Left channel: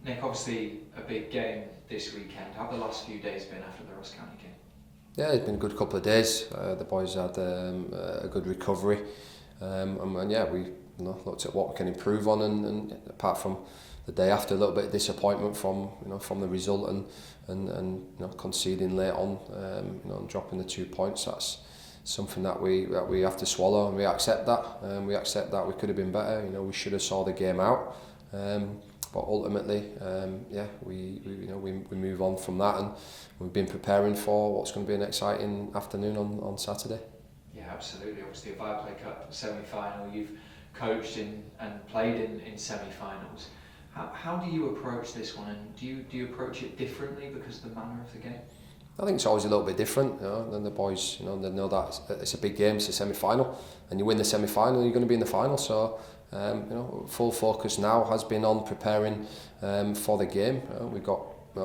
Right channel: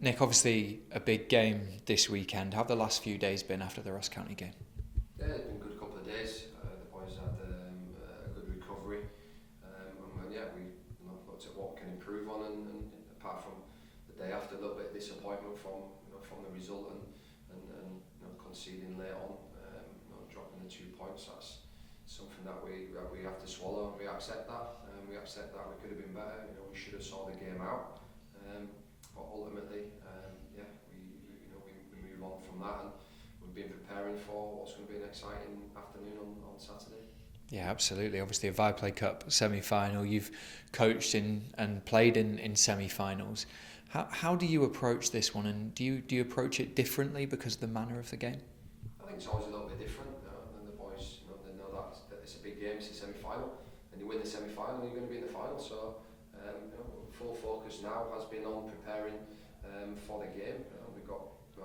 Nick, obviously a big game this weekend. How have the last few days been after the Ross County game? Yeah, it's been a good couple of days. The boys had a good recovery, and yeah, we looked at what we can improve on, and apart from the day after, a little bit of disappointment from from the result and conceding late on, and dropping the 2 points. That's something that we have to swallow, and we accept that. We accept that we could have been better. We should have saw the game out. But ultimately, we move on from that, and we've been preparing for what's going to be an exciting afternoon on Saturday. Yeah, absolutely. Obviously, a Viaplay Cup semi-final. You've coached in and played in semi-finals. How do you approach this one, and do you approach it differently because of the manner of the game? I think it's always a little bit different. Than the boys, they know that it's a big game, it's a semi-final, and you win the semi-final, you're going to be in the final. So. Full focus now has been on preparing for the game. We've got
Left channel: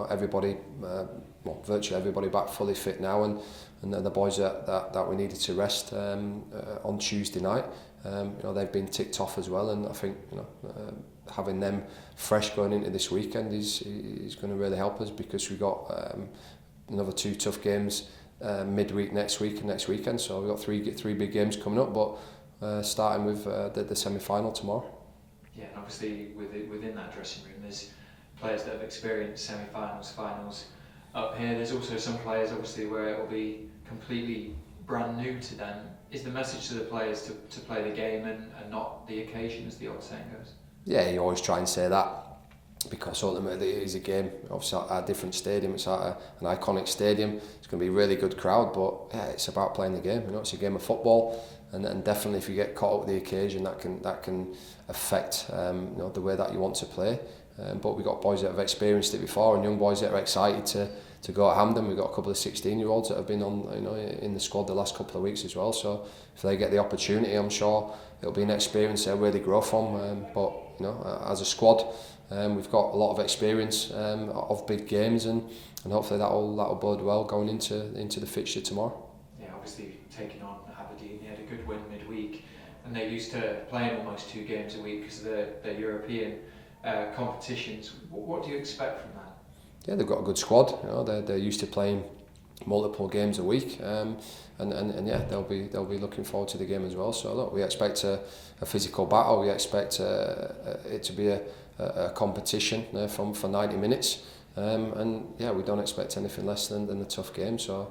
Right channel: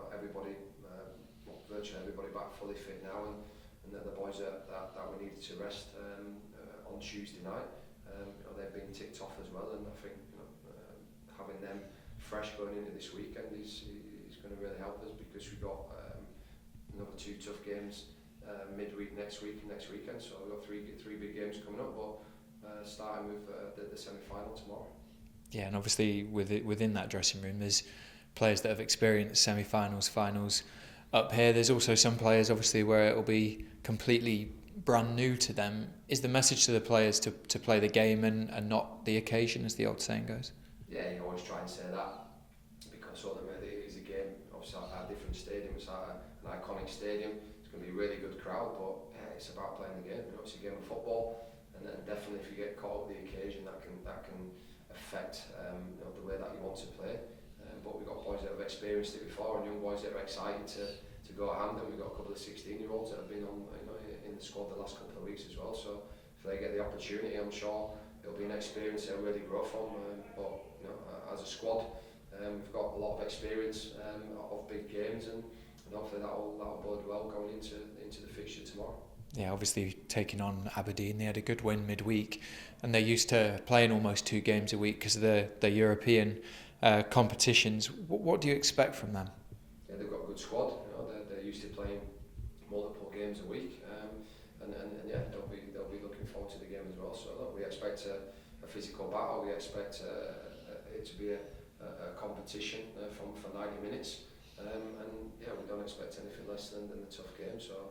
everybody, virtually everybody back fully fit now, and then the boys that we needed to rest on Tuesday night, they've been ticked off as well, and I think having them fresh going into this weekend is going to really help us, because we've got another 2 tough games midweek next week and next weekend. So we've got three big games coming up, but starting with the semi-final tomorrow. Yeah, and obviously within that dressing room, there's players that have experienced semi-finals, finals up here. There's also some players, obviously, where it will be completely brand new to them. Is the message to the players to play the game and not the occasion, as the old saying goes? Yeah, you always try and say that, because ultimately it is a game. Obviously at a different stadium, it's at an iconic stadium. It's going to be a really good crowd, but yeah, it's about playing the game. It's a game of football. And definitely, if you get caught up with the occasion, that can affect the way that you want to play. But we've got boys that have experienced it before, and young boys that are excited to go at Hampden. We've got a couple of 16-year-olds that have been on in the squad the last couple of weeks as well. So if they get the opportunity, I'm sure it'll be an experience they'll really grow from. But as a squad, we've got a lot of experience of big games, and hopefully that'll bode well going into the fixture tomorrow. Yeah, obviously taking on Aberdeen, they had a good win midweek, and they're used to playing almost 2 games a week because of the European competitions. What do you expect from them? Yeah, they've got a good squad. They're used to playing multiple games a week, and yeah, they'll be looking forward to the game as well. So look, we expect a physical battle. We expect it to be a competition for 90 minutes, and yeah, we don't expect anything less than a tough game. So.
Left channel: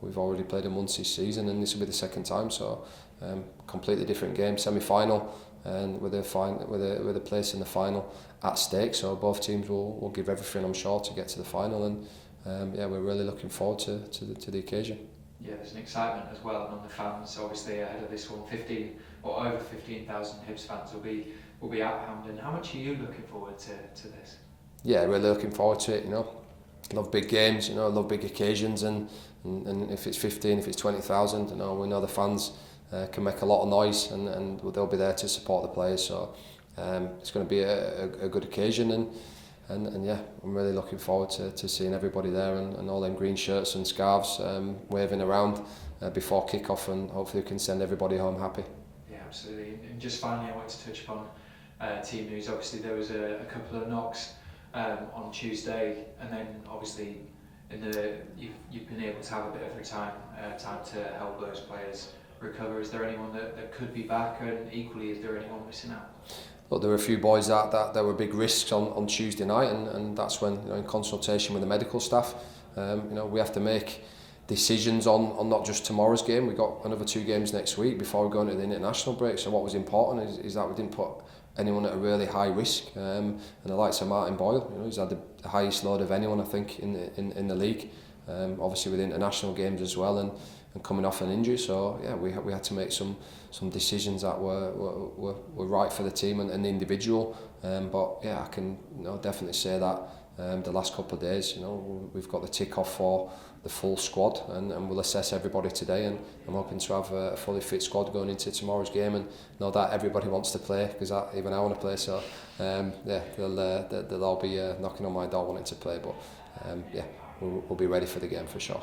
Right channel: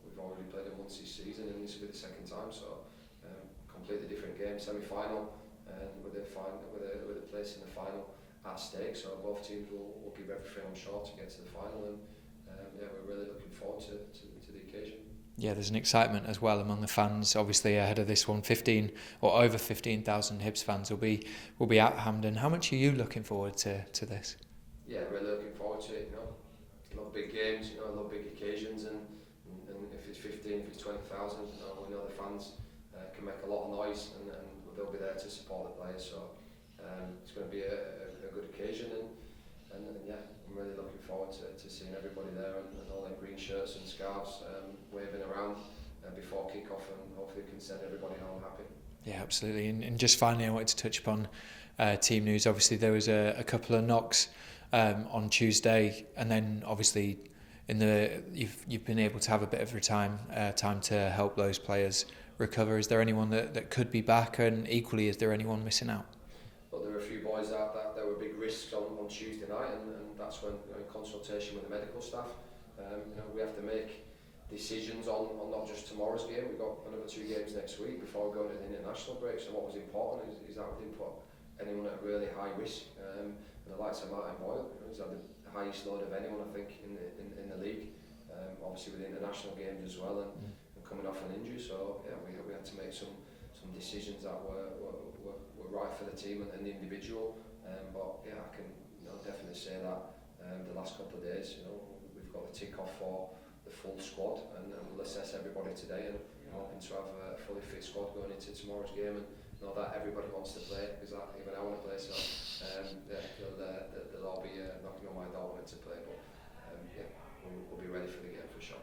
We've already played them once this season, and this will be the second time. So completely different game, semi-final, and with a place in the final at stake. So both teams will give everything, I'm sure, to get to the final, and yeah, we're really looking forward to the occasion. Yeah, there's an excitement as well among the fans. Obviously, ahead of this one, 15 or over 15,000 Hibs fans will be at Hampden. How much are you looking forward to this? Yeah, really looking forward to it. Love big games, love big occasions, and if it's 15, if it's 20,000, we know the fans can make a lot of noise, and they'll be there to support the players. So it's going to be a good occasion, and yeah, I'm really looking forward to seeing everybody there, and all them green shirts and scarves waving around before kick-off, and hopefully we can send everybody home happy. Yeah, absolutely. And just finally, I wanted to touch upon team news. Obviously, there was a couple of knocks on Tuesday, and then obviously you've been able to have a bit of time to help those players recover. Is there anyone that could be back, and equally, is there anyone missing out? Look, there were a few boys that there were big risks on Tuesday night, and that's when, in consultation with the medical staff, we have to make decisions on not just tomorrow's game. We've got another 2 games next week before we go into the international break. So what was important is that we didn't put anyone at a really high risk, and the likes of Martin Boyle, he's had the highest load of anyone, I think, in the league, obviously with international games as well, and coming off an injury. So yeah, we had to make some decisions that were right for the team and the individual, but yeah, I can definitely say that the last couple of days, we've got the tick off for the full squad, and we'll assess everybody today, and I'm hoping to have a fully fit squad going into tomorrow's game, and know that everybody wants to play, because even I want to play. So yeah, they'll all be knocking on my door wanting to play, but yeah, we'll be ready for the game for sure.